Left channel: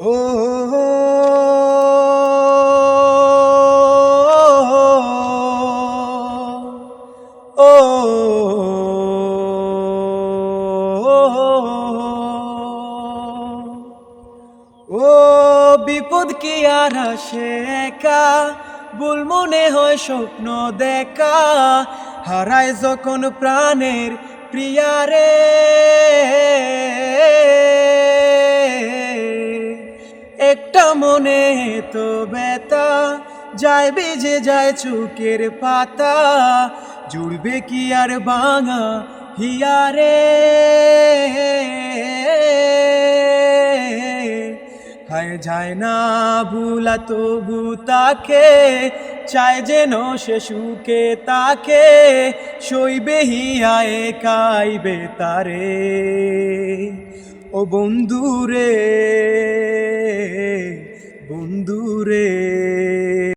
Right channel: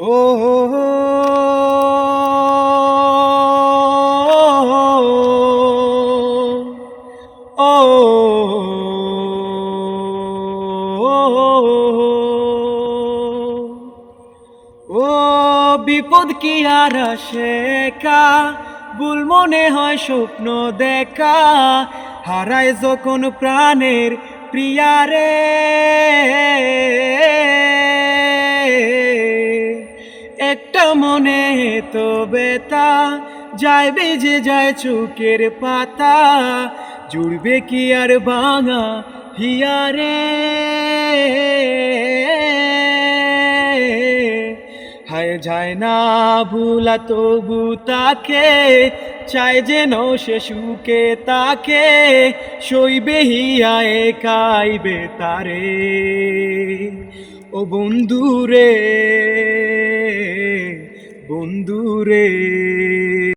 ও ও ও বিপদ কি আর আসে একা, ভুল মনে হয় স্বপ্ন দেখা, হারায় যখন প্রাণের প্রিয়ারে। একটা মনে তো ব্যথা, যায় বেজে যায় চোখের পাতা, জুড়বে কি আর ভাঙা হিয়ারে। হায় যায় না ভুলা তবু তাকে, চায় যেন সে সুখে তাকে, সইবে হিয়া একাইবে তারে। ও বন্ধুরে, বন্ধুরে।